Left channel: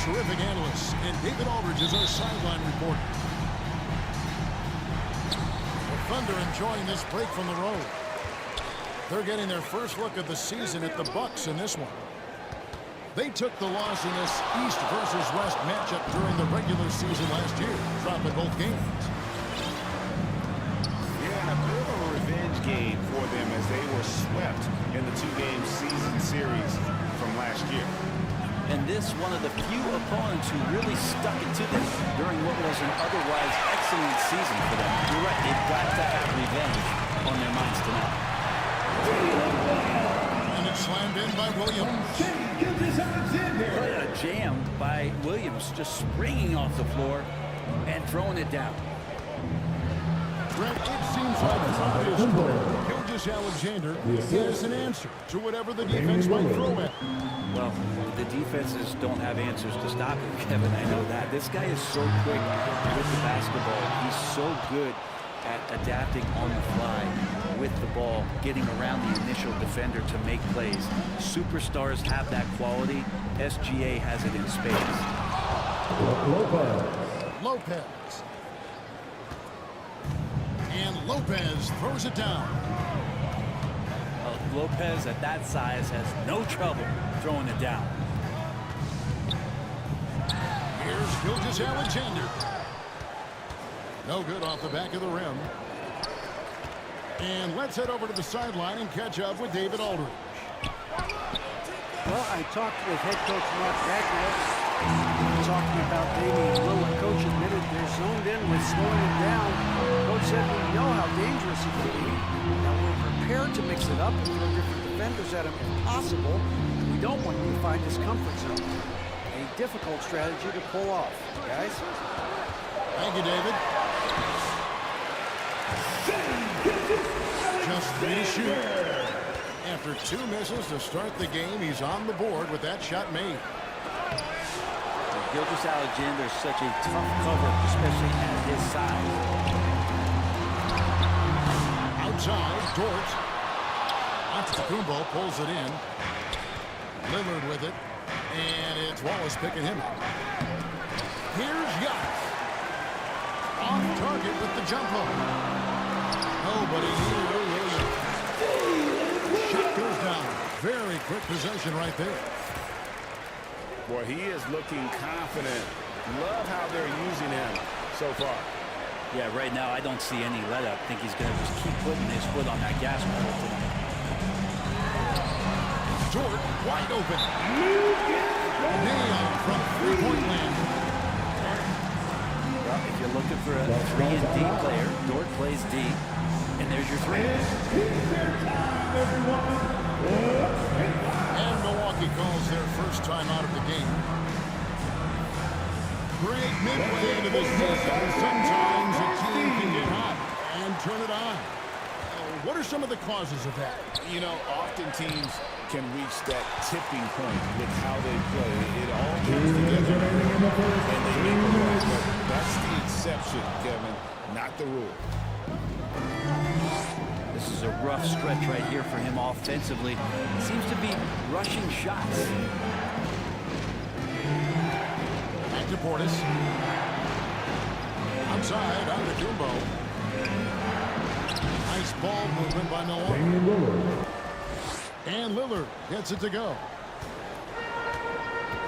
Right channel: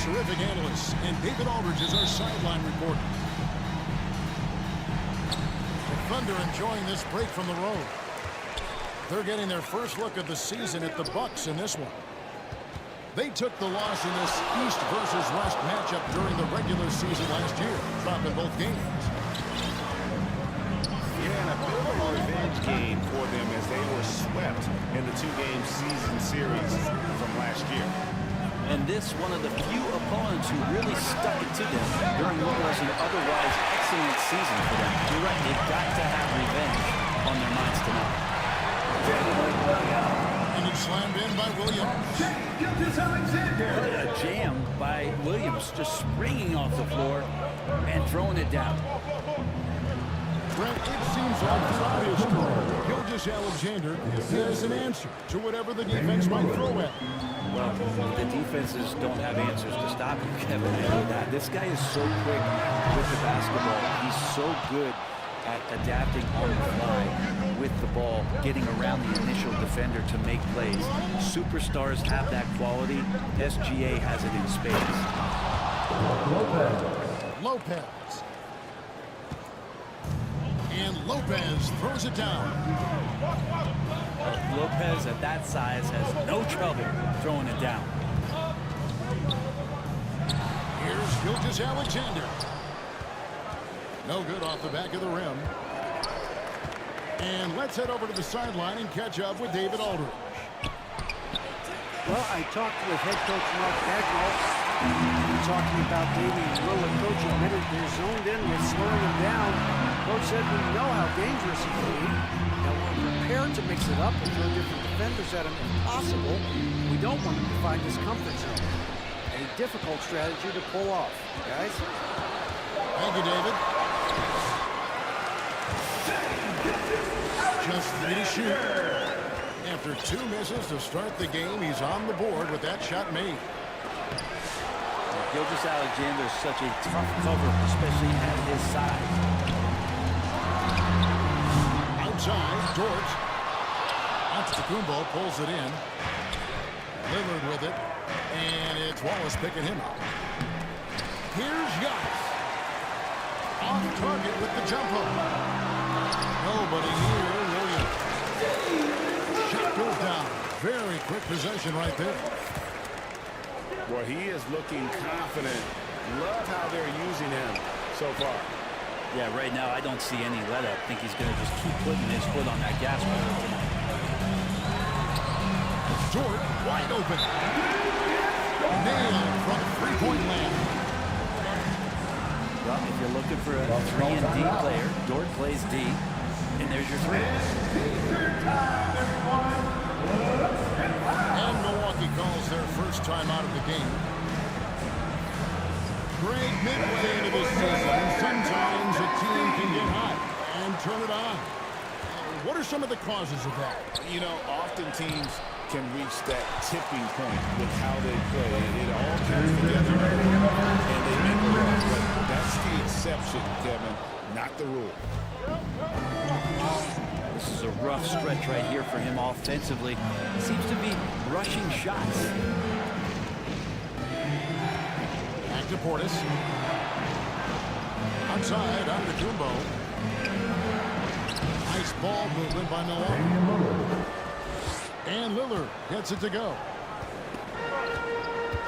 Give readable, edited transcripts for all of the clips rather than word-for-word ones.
terrific analysts, and David Aldridge is our sideline reporter. The Thunder enjoying this break from the road. They're getting their first look of the season at the Bucks in this one. They took the loss in this East versus West matchup during the regular season last year, dropping both games. Yeah, and a bit of a revenge game for them as they were swept in the two-game season series from last year. And this one of the few opponents who really stuck it to them during what was an otherwise excellent season for them. You're right, they've got to have revenge on their minds tonight. And it's slammed in by Williams. What a jam by Williams, just springing off the floor and throwing it down. Brent, it seems like throughout his career, Gilgeous-Alexander has an answer to whatever the defense might throw at him. Well, the defenses don't have answers to stop him, Kevin. I know that. This guy is so quick with the basketball. He's so good at adapting on the fly with the ball, getting around the initial defender to make plays. Superstars have that quality. SGA has it in spades. Lopez. And Lopez throws it down. Lopez at that size has no trouble throwing it down. Here's Gilgeous-Alexander. No good off the back of the rim. And let's head over to the sideline and catch up with David Aldridge. Well, I talked with head coach Mark Dagnall, talking about Damian Lillard. Coach admitted they're zoned in with slowing him down. Coach said we know how dangerous he can be. Now we're prepared to mix it up and throw different defenders at him if possible. We don't want him to find his comfort zone. A difficult strategy to pull off, guys. Thank you, David. Just 3 to shoot. After 2 misses to start the game, he's on the board with that shot made. Gilgeous-Alexander is such a tough cover, especially at his size. Outside, Dort. Antetokounmpo pulls it in. Lillard with it. And it's Wallace picking him up. Here's Giannis. Off target with the jump hook. Nobody near Williams. Shot goes down. Very quick possession right there. Boy, he is looking confident. Love how they're using him so far. Yeah, right now I don't see any let up. I think he's going to just keep putting his foot on that gas pedal tonight. Dort wide open. Nailed from three-point land. Well, if you're looking for a 3-and-D player, Dort plays D, and there's your 3. And Milwaukee calls their first time out of the game. Great midway into the season. Sometimes a team can get hot and turn it on. What are some of the causes of that? You know, often teams can reach that tipping point with how they play. It all comes together and they make a run. But that's the exception, Kevin, not the rule. This is a rough stretch right here for him offensively. He seems to be rushing shots. Back to Portis. Outside, Antetokounmpo. Nice ball movement by Milwaukee. And Lillard gets it to go.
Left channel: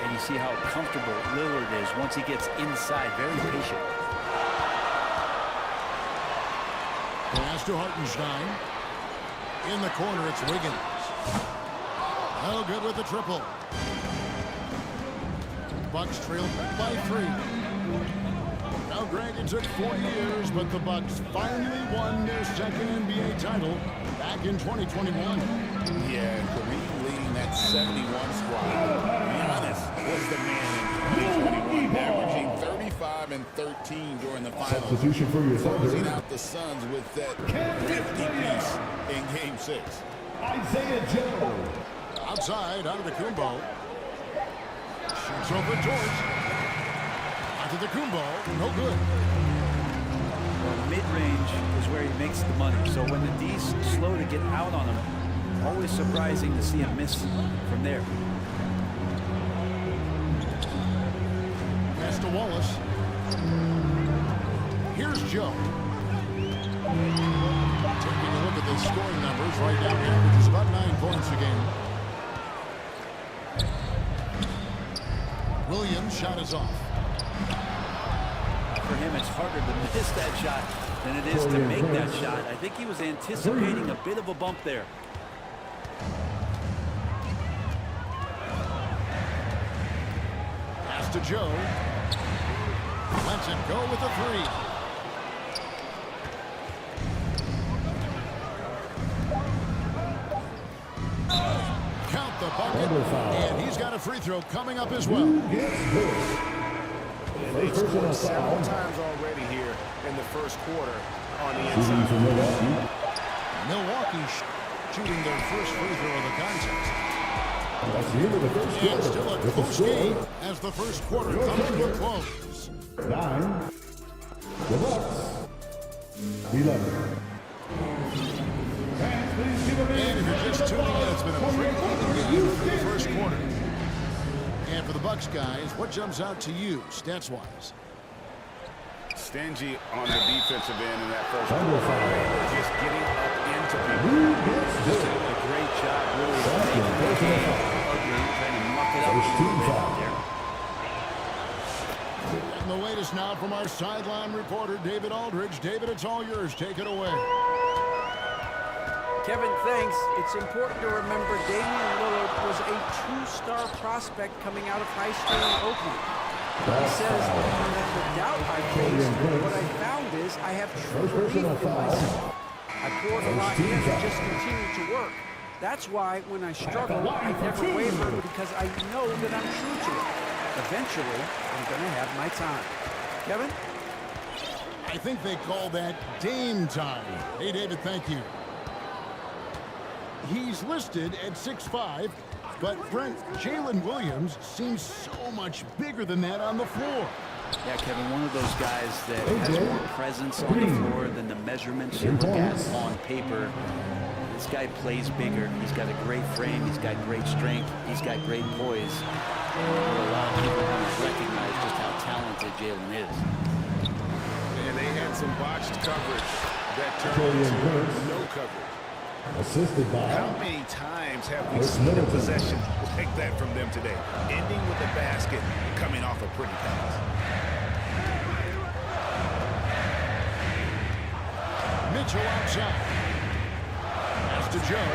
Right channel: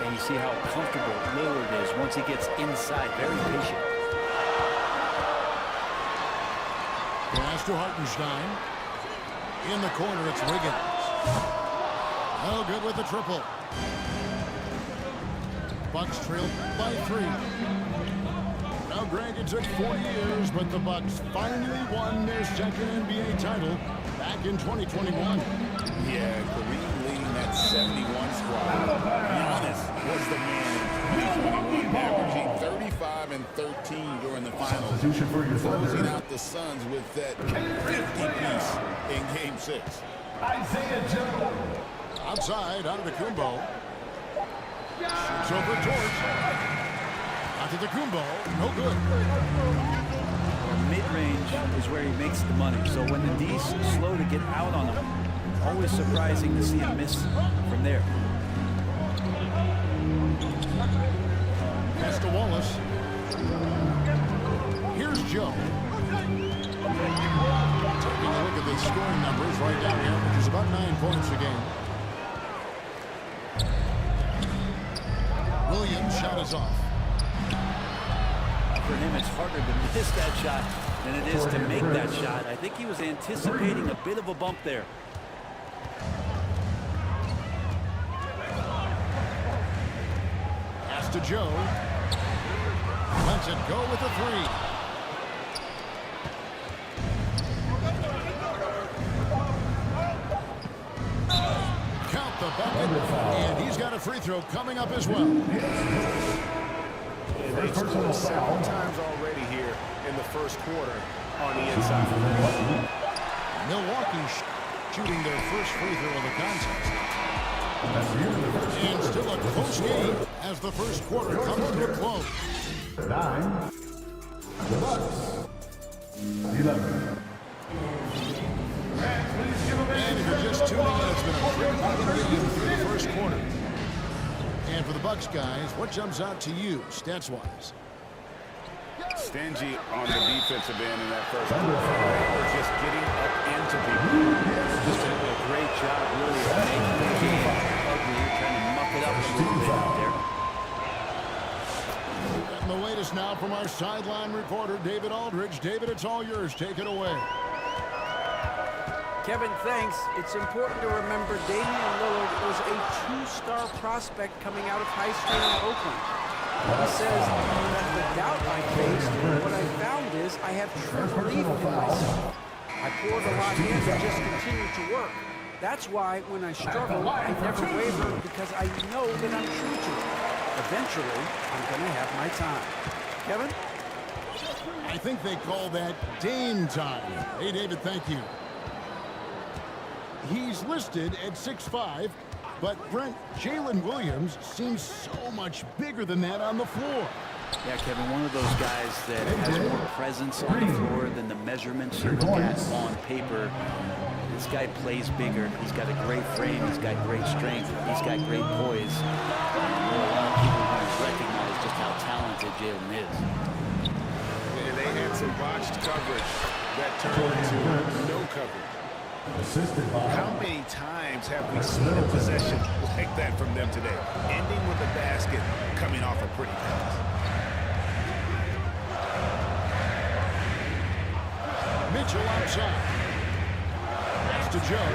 And you see how comfortable Lillard is once he gets inside. Very patient. Pass to Hartenstein. In the corner, it's Wiggins. No good with the triple. Bucks trailed by 3. Now, Greg, it took 4 years, but the Bucks finally won their second NBA title back in 2021. Yeah, Kareem leading that 71 squad. Giannis was the man in 2021, averaging 35 and 13 during the finals. Substitution for your closing Thunder. out the Suns with that 50-piece in Game 6. Isaiah Joe. Outside, Antetokounmpo. Shoots over Dort. Antetokounmpo, no good. Well, mid-range is where he makes the money. So when the D's slow to get out on him, always surprising to see him miss from there. to Wallace. Here's Joe. Taking a look at the scoring numbers, right now he averages about 9 points a game. Williams' shot is off. For him, it's harder to miss that shot than it is to make that shot. I think he was anticipating a bit of a bump there. Pass to Joe. Lets it go with a three. Count the bucket, and he's got a free throw coming up as well. And they've scored several times already here in the first quarter on the inside. Milwaukee shooting their first free throw of the contest. That's the end of the first quarter. And still a close game as the first quarter comes to a close. 9. The Bucks. 11. And if you're just tuning in, it's been a pretty even game through the first quarter. And for the Bucks guys, what jumps out to you, stats-wise? Stingy on the defensive end in that first quarter. They were just getting up into people. Just a great job, really, of making the game ugly, trying to muck it up a little bit out there. And the latest now from our sideline reporter, David Aldridge. David, it's all yours. Take it away. Kevin, thanks. It's important to remember Damian Lillard was a two-star prospect coming out of high school in Oakland. He says that the doubt I faced, what I found is I have true belief in myself. I poured a lot in and just continued to work. That's why when I struggle, I never waver because I know that I'm true to it. Eventually, I'm going to have my time. Kevin? I think they call that Dame time. Hey, David, thank you. He's listed at 6'5", but Brent, Jalen Williams seems so much bigger than that on the floor. Yeah, Kevin, one of those guys that has more presence on the floor than the measurements you look at on paper. This guy plays bigger. He's got a great frame. He's got great strength. He's got great poise. And there are a lot of people who recognize just how talented Jalen is. And they had some botched coverage that turned into no coverage. Assisted by How many times have we seen a possession like that from them today? Ending with a basket, coming off a pretty pass. Mitchell outside. Pass to Joe.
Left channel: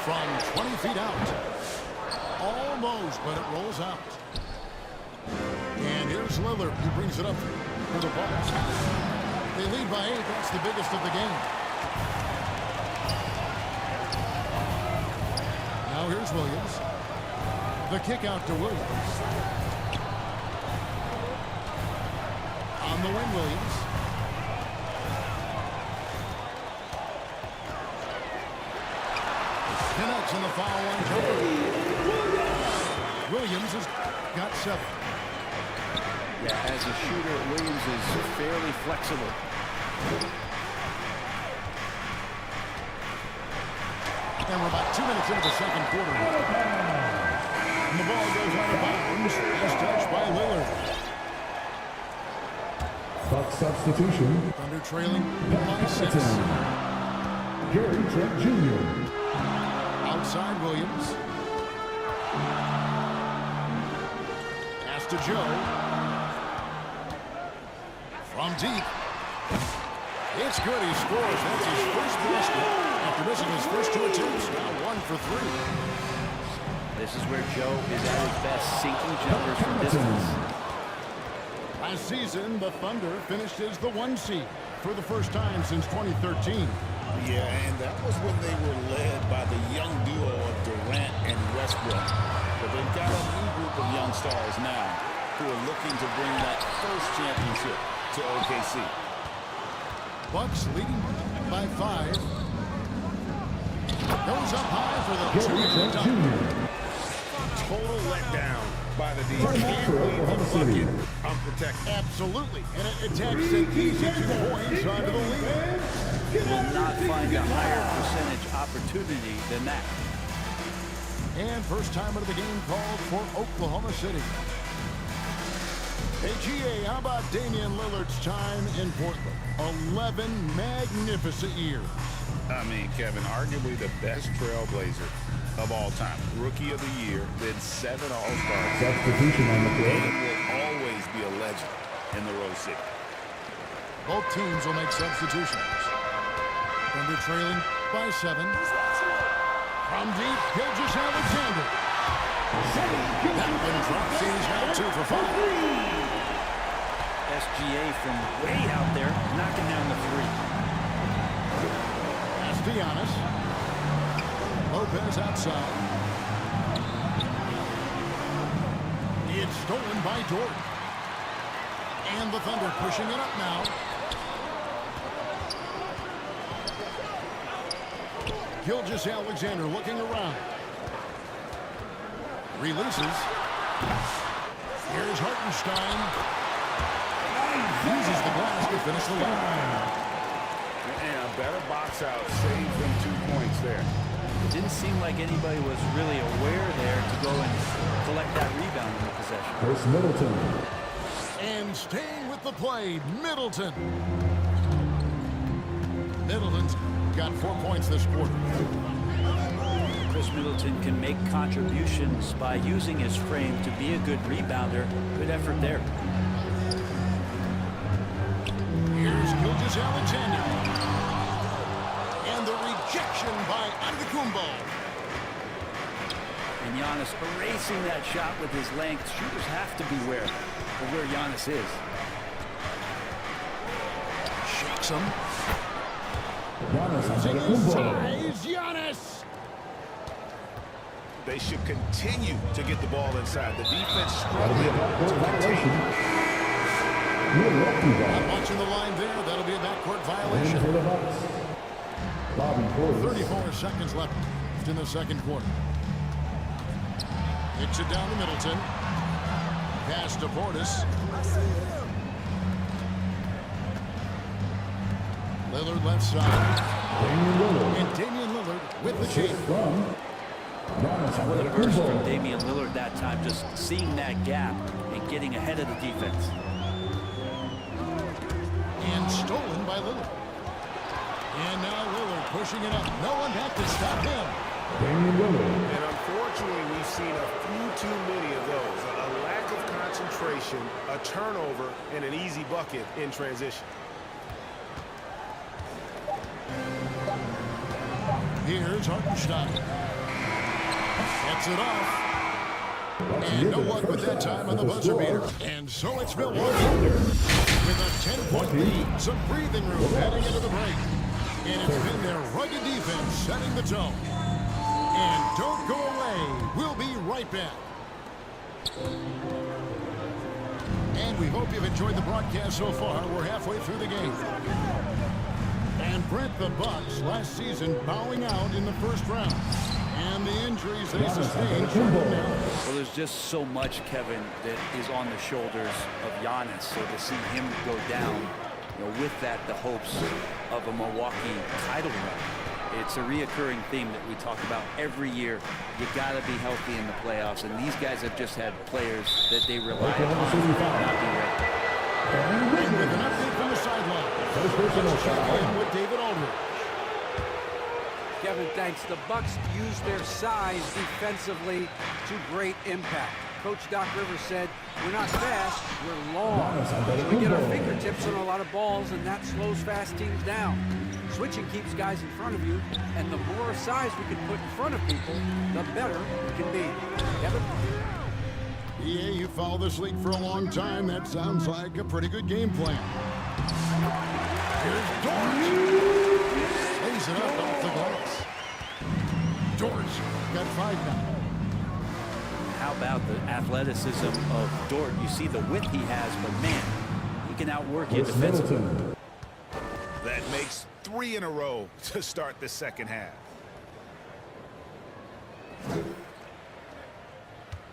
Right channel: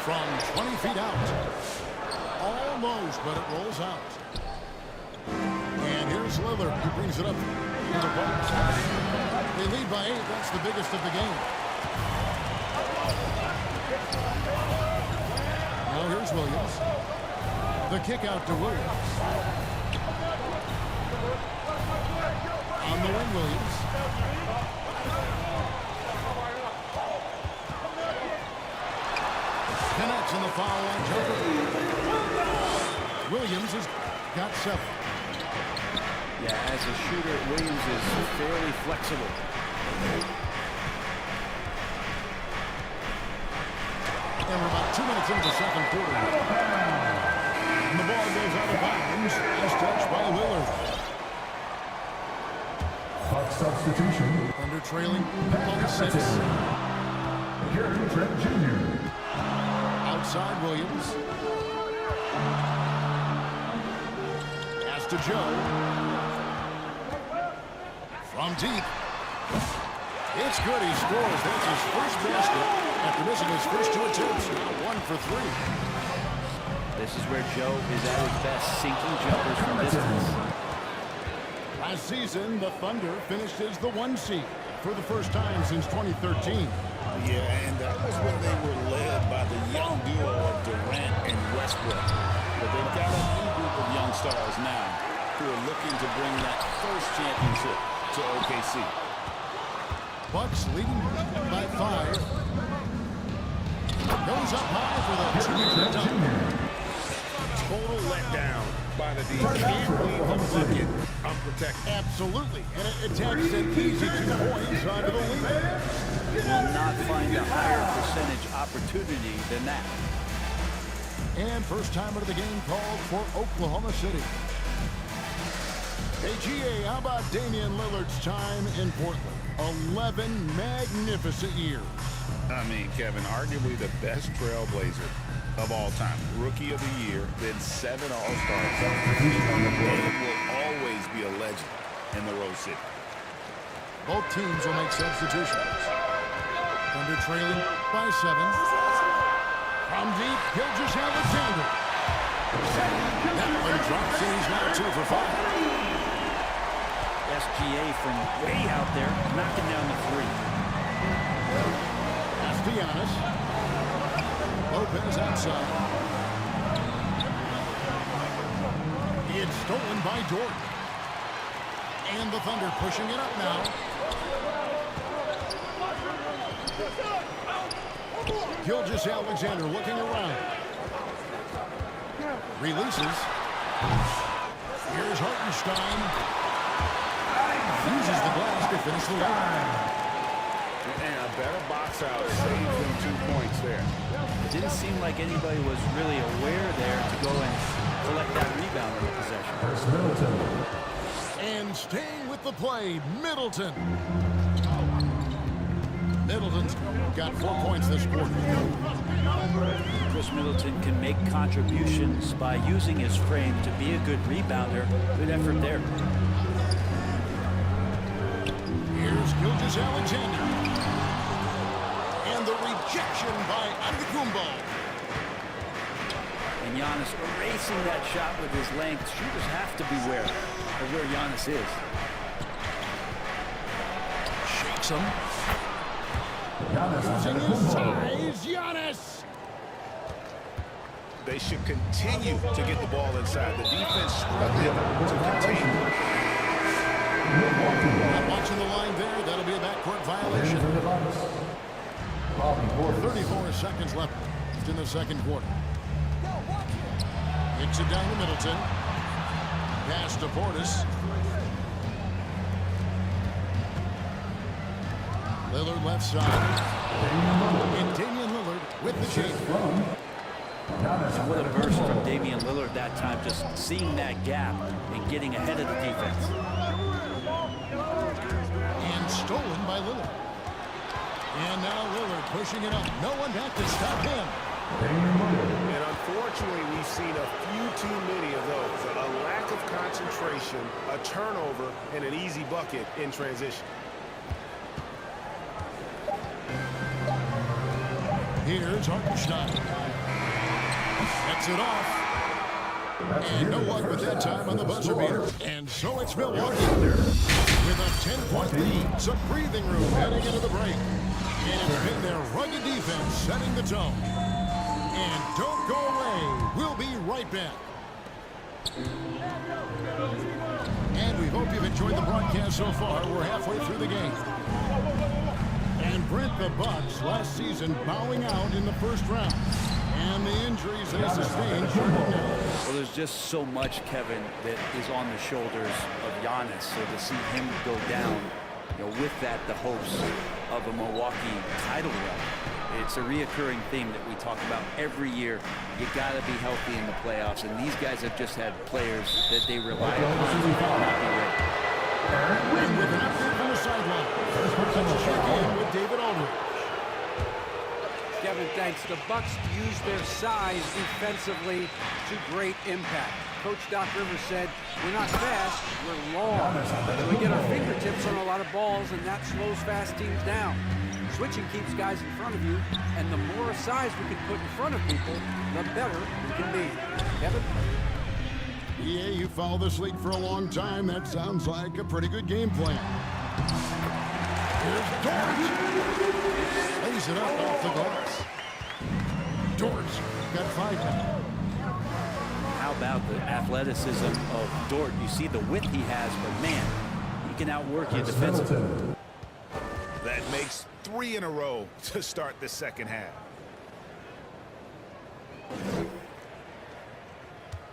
From 20 feet out. Almost, but it rolls out. And here's Lillard. He brings it up to the Bucks. They lead by 8. That's the biggest of the game. Now here's Williams. The kick out to Williams. On the wing, Williams. Connects in the foul line jumper. Williams has got 7. Yeah, as a shooter, Williams is fairly flexible. And we're about 2 minutes into the second quarter. And the ball goes out of bounds as touched by Lillard. Buck substitution. Thunder trailing by 6. Gary Trent Jr. Outside Williams. Pass to Joe. From deep. It's good. He scores. That's his first basket after missing his first 2 attempts. Now 1 for 3. This is where Joe is at his best, sinking jumpers from distance. Last season, the Thunder finished as the 1 seed for the first time since 2013. Yeah, and that was when they were led by the young duo of Durant and Westbrook. But they've got a new group of young stars now who are looking to bring that first championship to OKC. Bucks leading by 5. Goes up high for the 2-minute dunk. Total letdown by the D. Can't leave the bucket unprotected. Absolutely. And it attacks an easy 2 points onto the lead. Will not find a higher percentage opportunity than that. And first time out of the game called for Oklahoma City. Hey, GA, how about Damian Lillard's time in Portland? 11 magnificent years. I mean, Kevin, arguably the best trailblazer of all time. Rookie of the year, then 7 All-Stars. Substitution on the floor. And will always be a legend in the Rose City. Both teams will make substitutions. Thunder trailing by 7. From deep, Gilgeous-Alexander. That one drops, and he's now 2 for 5. SGA from way out there, knocking down the 3. Giannis. Lopez outside. It's stolen by Dort. And the Thunder pushing it up now. Gilgeous-Alexander looking around. Releases. Here's Hartenstein. Uses the glass to finish the line. And a better box out saves them 2 points there. It didn't seem like anybody was really aware there to go and collect that rebound in the possession. Chris Middleton. And staying with the play, Middleton. Middleton's got 4 points this quarter. Chris Middleton can make contributions by using his frame to be a good rebounder. Good effort there. Here's Gilgeous-Alexander. And the rejection by Antetokounmpo. And Giannis erasing that shot with his length. Shooters have to beware of where Giannis is. Shakes him. Giannis Using his Antetokounmpo. size, Giannis. They should continue to get the ball inside. The defense That'll be a struggling backcourt to violation. contain. Milwaukee ball. I'm watching the line there. That'll be a backcourt In violation. for the Bucks. Bobby Portis. 34 seconds left in the second quarter. Kicks it down to Middleton. Pass to Portis. Lillard left side. Damian Lillard. And Damian Lillard with the chain. From Giannis What a burst from Antetokounmpo. Damian Lillard that time, just seeing that gap and getting ahead of the defense. And stolen by Lillard. And now Lillard pushing it up. No one back to stop him. Damian Lillard. And unfortunately, we've seen a few too many of those. A lack of concentration, a turnover, and an easy bucket in transition. Here's Hartenstein. Gets it off. That's And no nearly luck the with first that half time on the with buzzer score. beater. And so it's Milwaukee with a 10-point lead. Some breathing room heading into the break. And it's been their rugged defense setting the tone. And don't go away. We'll be right back. And we hope you've enjoyed the broadcast so far. We're halfway through the game. And Brent, the Bucks last season bowing out in the first round. And the injuries they sustained showed now. Well, there's just so much, Kevin, that is on the shoulders of Giannis. So to see him go down, with that, the hopes of a Milwaukee title run. It's a reoccurring theme that we talk about every year. You got to be healthy in the playoffs, and these guys have just had players that they rely upon to not be ready. And with an update from the sideline, let's check in with David Aldridge. Kevin, thanks. The Bucks use their size defensively to great impact. Coach Doc Rivers said, we're not fast, we're long. So we get our fingertips on a lot of balls, and that slows fast teams down. Switching keeps guys in front of you, and the more size we can put in front of people, the better we can be. Kevin? Yeah, you follow this league for a long time. That sounds like a pretty good game plan. Here's Dort. Lays it up off the glass. Dort's got 5 now. How about the athleticism of Dort? You see the width he has, but man, he can outwork you Chris defensively. Middleton. That makes 3 in a row to start the second half.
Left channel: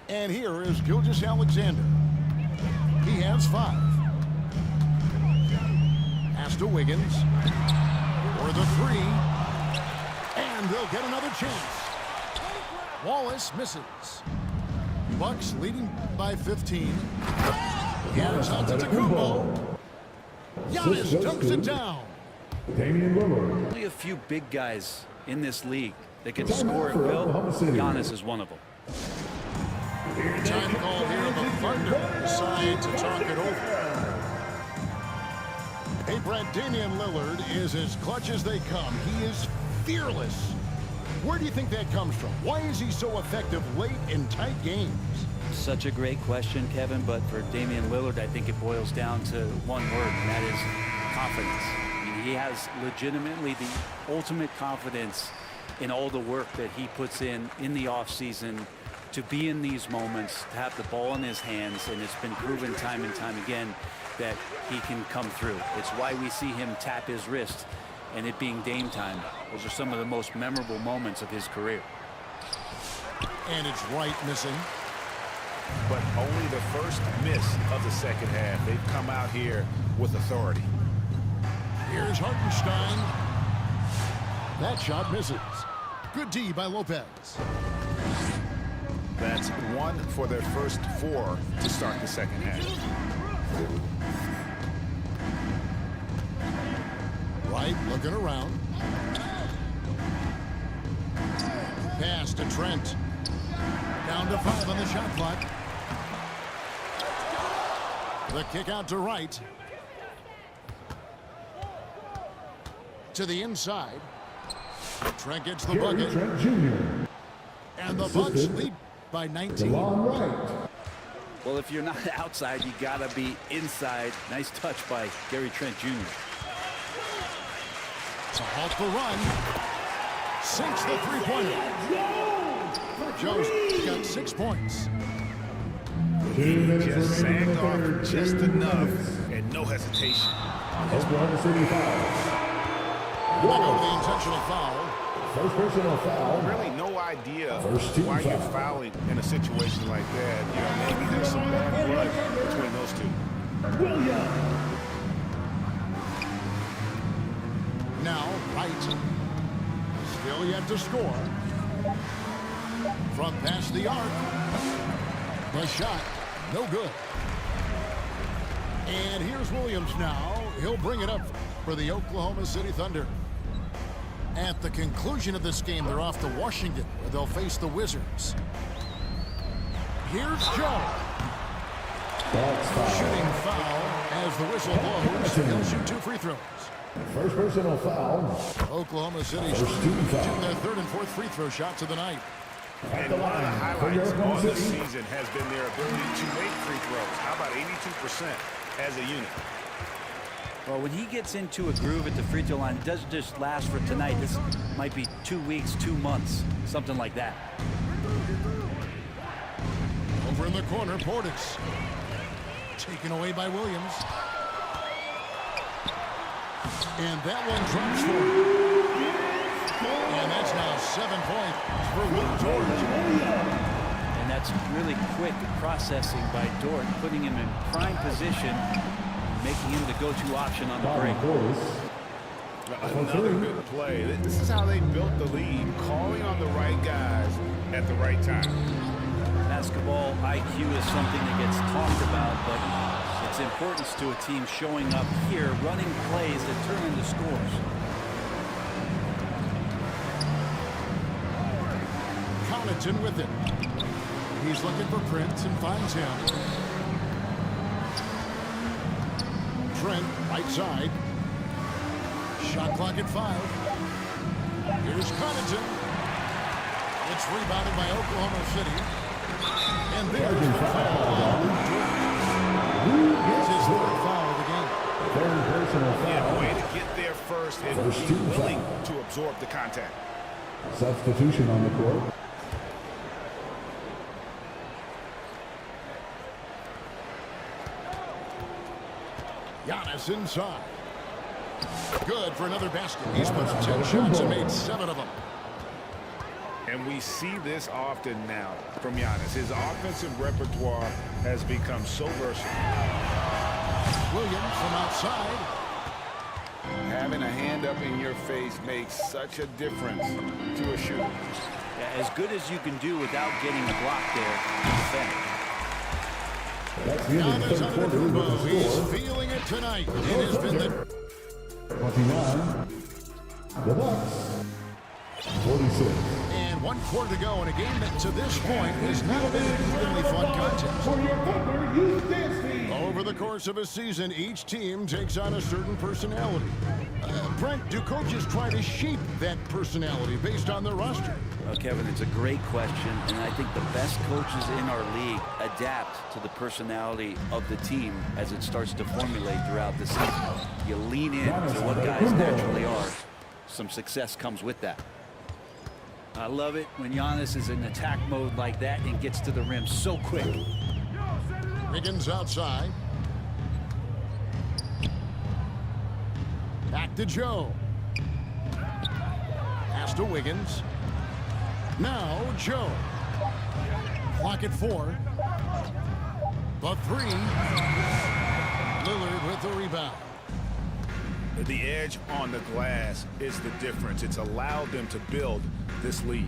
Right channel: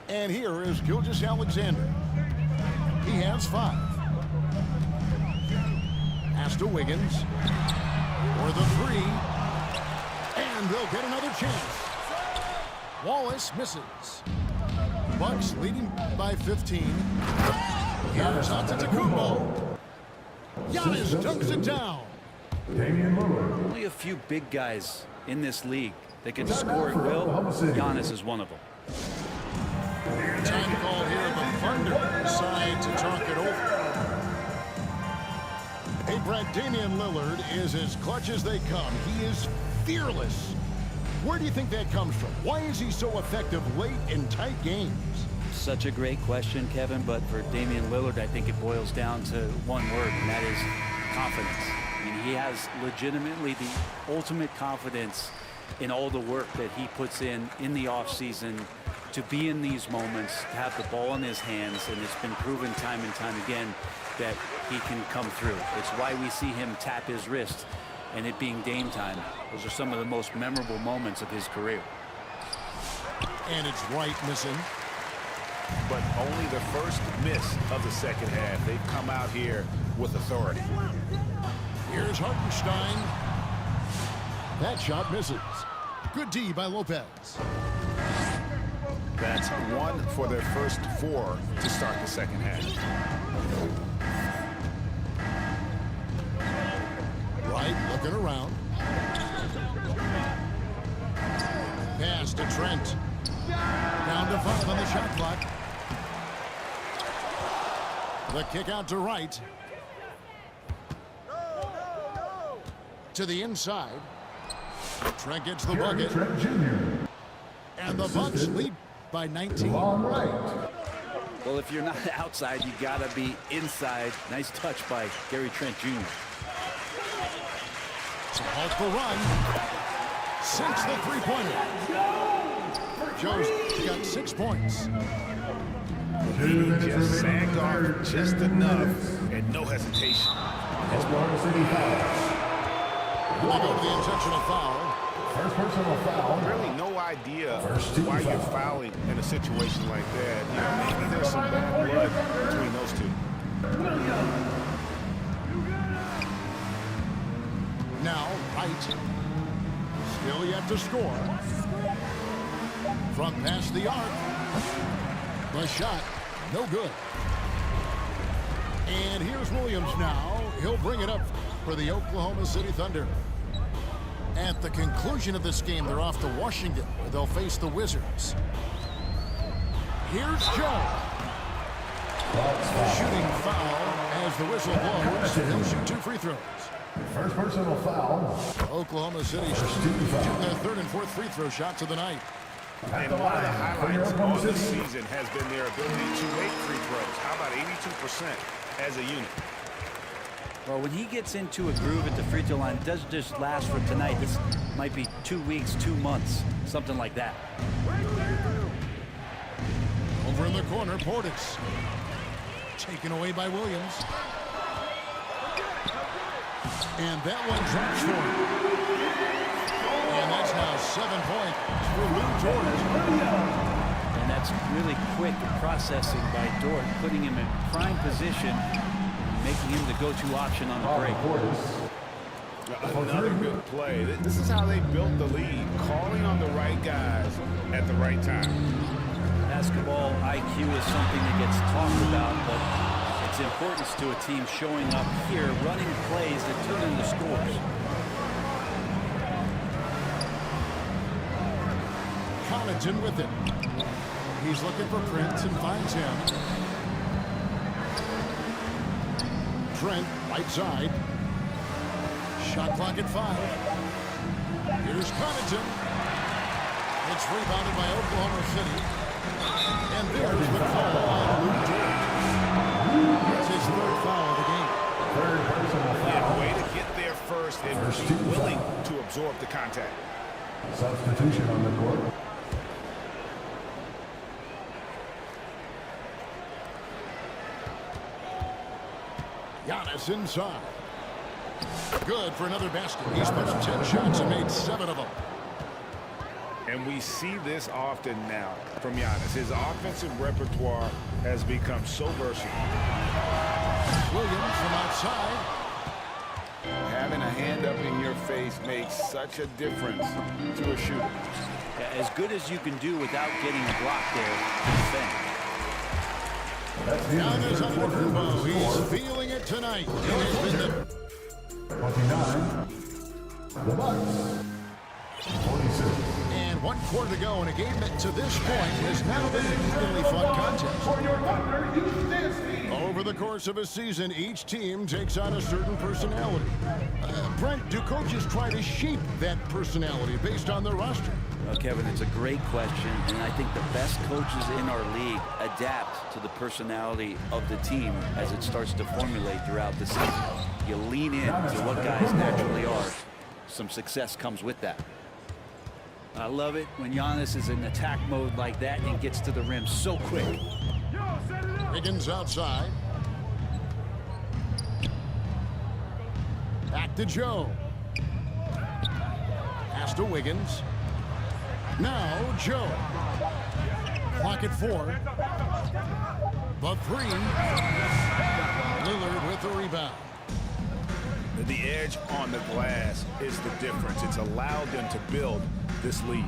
And here is Gilgeous-Alexander. He has 5. Pass to Wiggins. For the 3. And they'll get another chance. Wallace misses. Bucks leading by 15. Giannis on to Tacumbo. Giannis dunks it down. Damian Lillard. Only a few big guys in this league that can score at will. Giannis is one of them. Time called here. The Thunder decide to talk it over. Hey, Brad, Damian Lillard is as clutch as they come. He is fearless. Where do you think that comes from? Why is he so effective late in tight games? Such a great question, Kevin, but for Damian Lillard, I think it boils down to one word, and that is confidence. I mean, he has legitimately the ultimate confidence in all the work that he puts in the offseason to be in these moments, to have the ball in his hands, and it's been proven time and time again that he can come through. It's why we see him tap his wrist and it being Dame time. Those are some of the most memorable moments of his career. And it's Wright missing. But only the first miss of the second half. They've come out here with authority. Here's Hartenstein. That shot misses. Good D by Lopez. That's one for their first 4 to start the second half. Wright looking around. Pass to Trent. Down to 5 on the shot clock. The kick out to Wright. To the inside. Trent gets the bucket. Trent Jr. And the Bucks lead by 19. Long right. Well, if you're not outside, you got to be inside. Nice touch by Gary Trent Jr. To halt the run. Sinks the three-pointer. Joe's got 6 points. He just sagged off just enough and no hesitation. Oklahoma City foul. They go to the intentional foul. First personal foul. Really no idea First team why you're foul. fouling in a situation like that. You know, maybe there's some bad blood between those two. Now, Wright. Still yet to score. From past the arc. The shot, no good. And here's Williams now. He'll bring it up for the Oklahoma City Thunder. At the conclusion of this game, they're off to Washington, where they'll face the Wizards. Here's Joe. Shooting foul as the whistle blows. He'll shoot 2 free throws. First personal foul. Oklahoma City First team foul. shooting their 3rd and 4th free throw shots of the night. And one of the highlights on the season has been their ability to make free throws. How about 82% as a unit? Well, when he gets into a groove at the free throw line, it doesn't just last for tonight. This might be 2 weeks, 2 months, something like that. Over in the corner, Portis. Taken away by Williams. And that one drops for him. And that's now 7 points for Lou George. And that's really quick processing by Dort, putting him in prime position, making him the go-to option on the break. Another good play. This is how they built the lead, calling on the right guys at the right time. Basketball IQ is something that gets talked about, but its importance to a team showing up here, running plays that turn into scores. Connaughton with it. He's looking for Prince and finds him. Trent, right side. Shot clock at 5. Here's Connaughton. It's rebounded by Oklahoma City. And there's the call on Luke George. It's his 3rd foul of the game. Third personal foul. Yeah, way to get there first and First be team willing foul. to absorb the contact. Substitution on the court. Giannis inside. Good for another basket. He's put up 10 shots and made 7 of them. And we see this often now from Giannis. His offensive repertoire has become so versatile. Williams from outside. Having a hand up in your face makes such a difference to a shooter. Yeah, as good as you can do without getting a block there to defend. That's the end of the Giannis third quarter with Antetokounmpo, the he's score. feeling it tonight. It has been the 29. The Bucks. 46. and 1 quarter to go in a game that to this point has not been an evenly fought contest. For your Thunder Youth Dance Team. Over the course of a season, each team takes on a certain personality. Brent, do coaches try to shape that personality based on their roster? Well, Kevin, it's a great question, and I think the best coaches in our league adapt to the personality of the team as it starts to formulate throughout the season. You lean in to what guys naturally are. Some success comes with that. I love it when Giannis is in attack mode like that and gets to the rim so quick. Wiggins outside. Back to Joe. Pass to Wiggins. Now Joe. Clock at 4. The 3. Lillard with the rebound. The edge on the glass is the difference. It's allowed them to build this lead.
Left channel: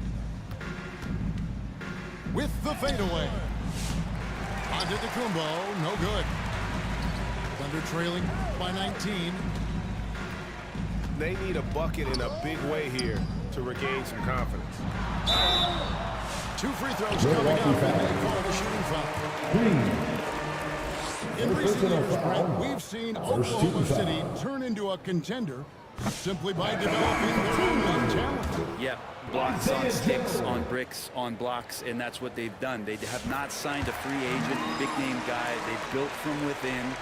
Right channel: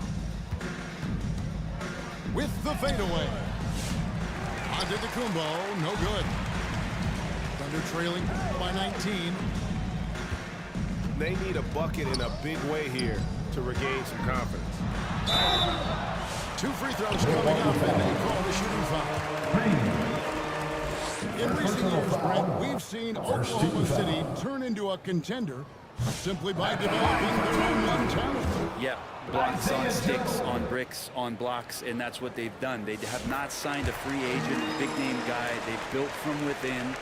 With the fadeaway. Antetokounmpo, no good. Thunder trailing by 19. They need a bucket in a big way here to regain some confidence. 2 free throws coming up, and they call the shooting foul. Green. In recent personal years, foul. Brent, we've seen First Oklahoma team City foul. turn into a contender simply by developing their own young talent. Yeah, blocks on sticks, on bricks, on blocks, and that's what they've done. They have not signed a free agent, big-name guy. They've built from within.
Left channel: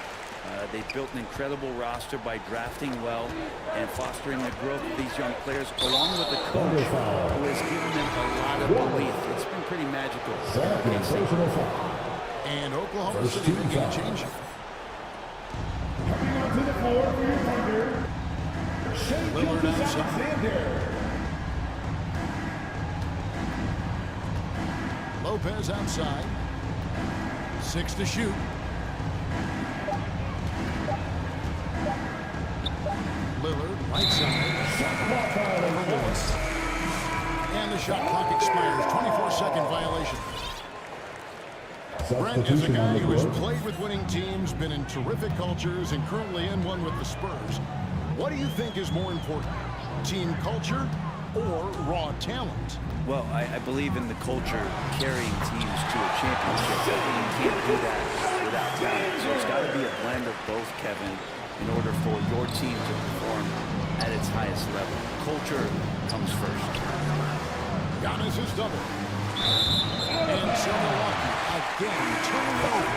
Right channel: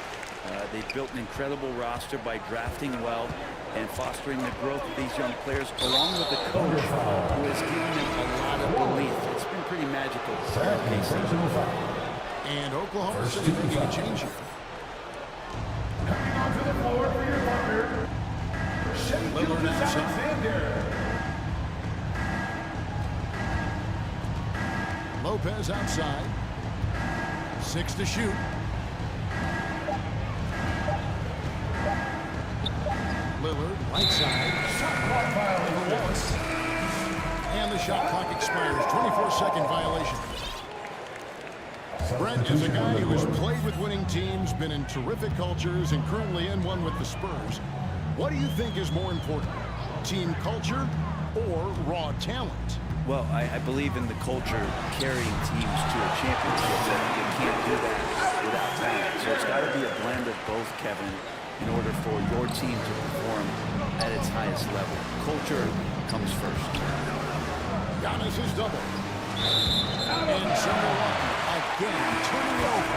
They've built an incredible roster by drafting well and fostering the growth of these young players, along with a coach who has given them a lot of belief. It's been pretty magical in Second OKC. personal foul. And Oklahoma First City team making a foul. change here. Coming onto the floor for your Thunder. Lillard outside. Alexander. Lopez outside. 6 to shoot. Lillard, right side. Clock violation. Over Wallace. And the shot clock expires. 24-second violation. Brent is a guy who has played with winning teams, been in terrific cultures, and currently in one with the Spurs. What do you think is more important, team culture or raw talent? Well, I believe in the culture carrying teams to a championship. But you can't do that without talent. So it's got to be a blend of both, Kevin, in order for your team to perform at its highest level. Culture comes first. Giannis is double. And so Milwaukee again turning it over.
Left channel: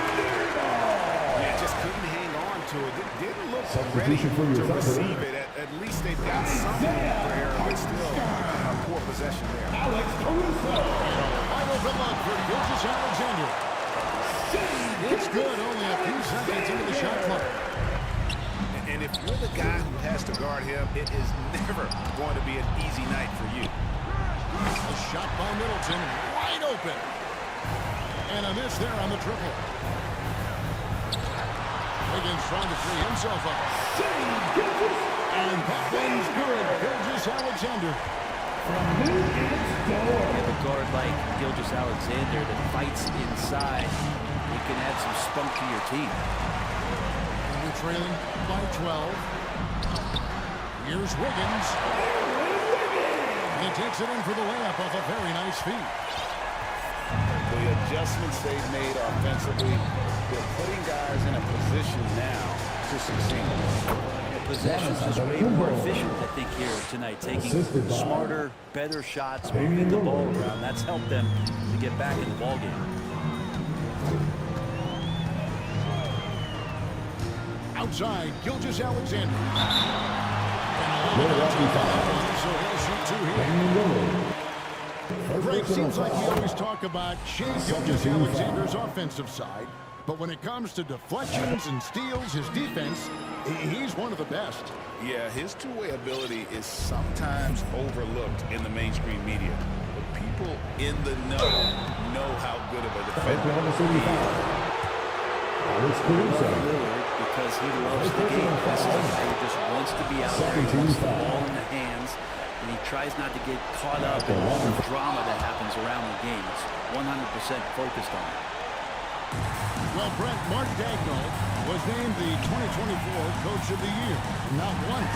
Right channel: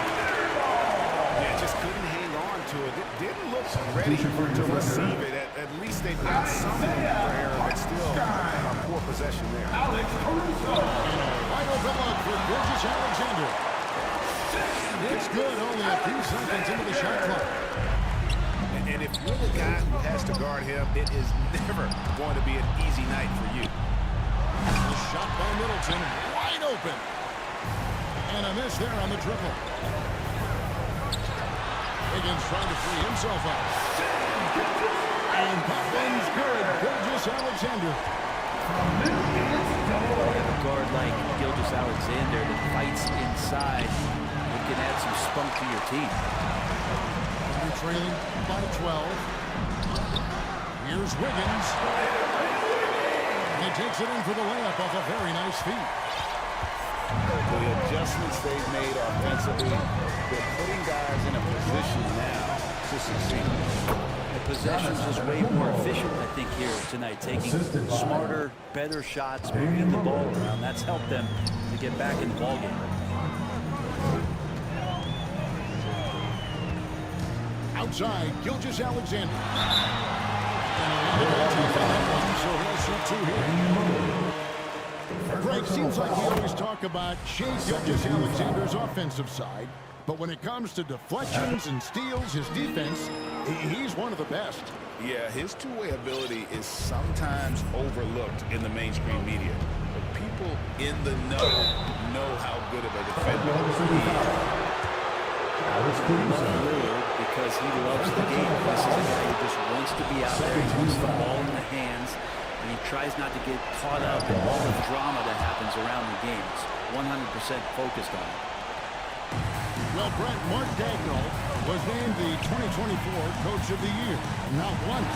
Yeah, just couldn't hang on to it. It didn't look ready Substitution for your to Thunder. receive it. At least they've got some room for error, but still a poor possession there. Alex Caruso. And a wide open look for Gilgeous Alexander. It's good, only a few seconds into the shot clock. And if you're the guy who has to guard him, it is never going to be an easy night for you. The shot by Middleton, wide open. And a miss there on the triple. Wiggins trying to free himself up. And that one's good. Gilgeous Alexander. You have a guard like Gilgeous Alexander that fights inside. It can add some spunk to your team. Thunder trailing by 12. Here's Wiggins. And he takes it in for the layup off a very nice feed. The adjustments they've made offensively, they're putting guys in a position now to succeed. The possession's just way more efficient, I think, here tonight. Taking Assisted by smarter, better shots, moving the ball around. That's helped them to get back in the ballgame. Outside, Gilgeous Alexander. And a lot of contact on that one, so he'll shoot 2 here. Greg, seems like we always talk about Shea Gilgeous Alexander's offensive side, but when it comes to deflections and steals, his defense, he's one of the best. Yeah, his two-way ability is sometimes overlooked in the mainstream media. But people in the know how good of a defender Oklahoma City he foul. is. Alex Love Caruso. Lillard because he loves the game. This is a guy who just wants to be out there. He wants the ball in the hands. and he tries not to get caught up in all the drama that happens around the game. It's 100% focused on it. Well, Brent, Mark Dagnall was named the 2024 Coach of the Year. Not once,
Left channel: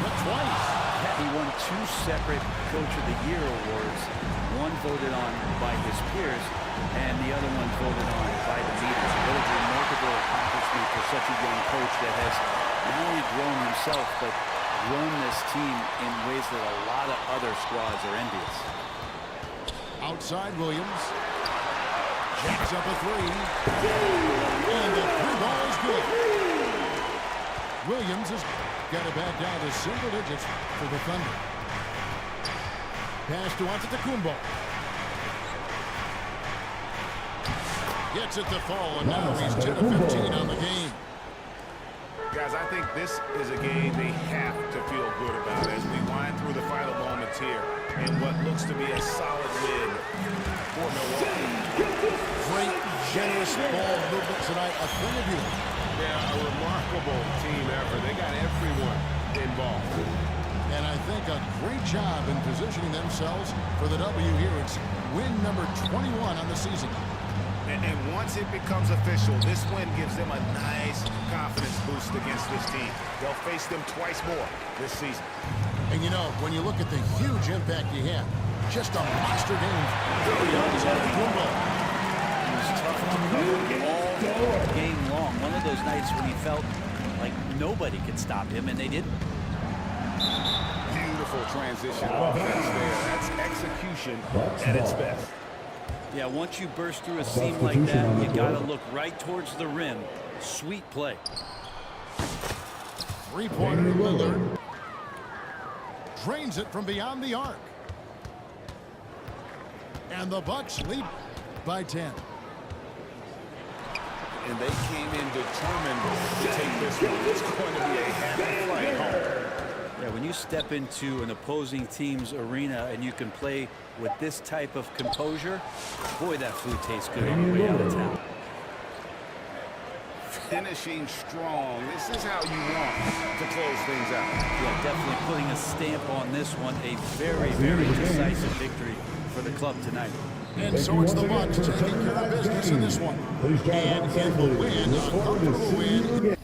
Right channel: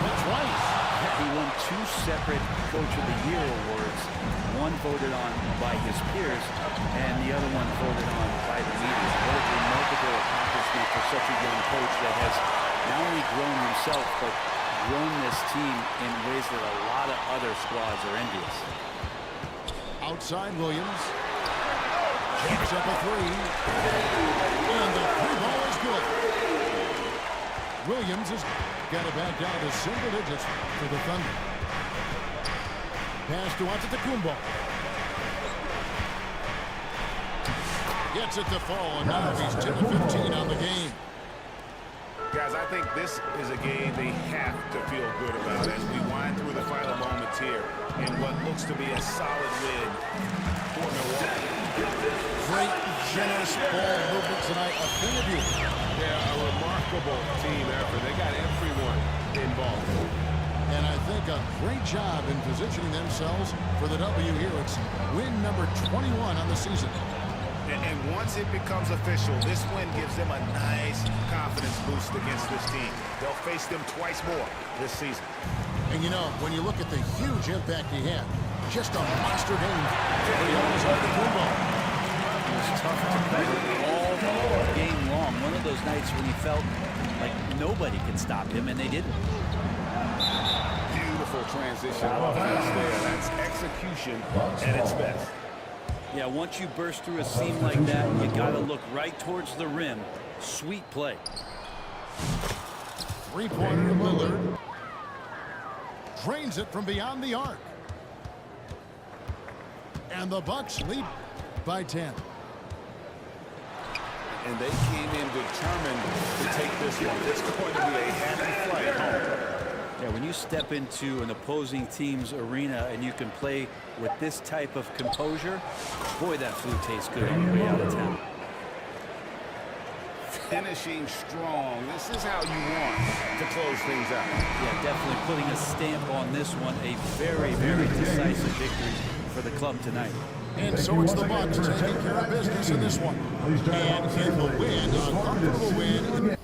but twice. Yeah, he won 2 separate Coach of the Year awards. One voted on by his peers, and the other one voted on by the media. What a remarkable accomplishment for such a young coach that has not only grown himself, but grown this team in ways that a lot of other squads are envious. Outside Williams. Jacks up a 3. And the 3 ball is good. Williams has got it back down to single digits for the Thunder. Pass to Antetokounmpo. Gets it to fall, and now he's 10 of 15 on the game. Guys, I think this is a game they have to feel good about as we wind through the final moments here in what looks to be a solid win for Milwaukee. Great, generous ball movement tonight. A thing of beauty. Yeah, a remarkable team effort. They got everyone involved. And I think a great job in positioning themselves for the W here. It's win number 21 on the season. And once it becomes official, this win gives them a nice confidence boost against this team. They'll face them twice more this season. And you know, when you look at the huge impact he had, just a monster game for Giannis Antetokounmpo. It was tough to cover all game long. One of those nights when he felt like nobody could stop him, and they didn't. Beautiful transition offense there. That's execution at its best. Yeah, once you burst through a seam like that, you got to look right towards the rim. Sweet play. Three-pointer Lillard. Drains it from beyond the arc. And the Bucks lead by 10. And they came in determined to take this one. It's going to be a happy flight home. Yeah, when you step into an opposing team's arena and you can play with this type of composure, boy, that food tastes good on the way out of town. Finishing strong. This is how you want to close things out. Yeah, definitely putting a stamp on this one. A very, very decisive victory for the club tonight. And so it's the Bucks taking care of business in this one. And it will win, a comfortable win.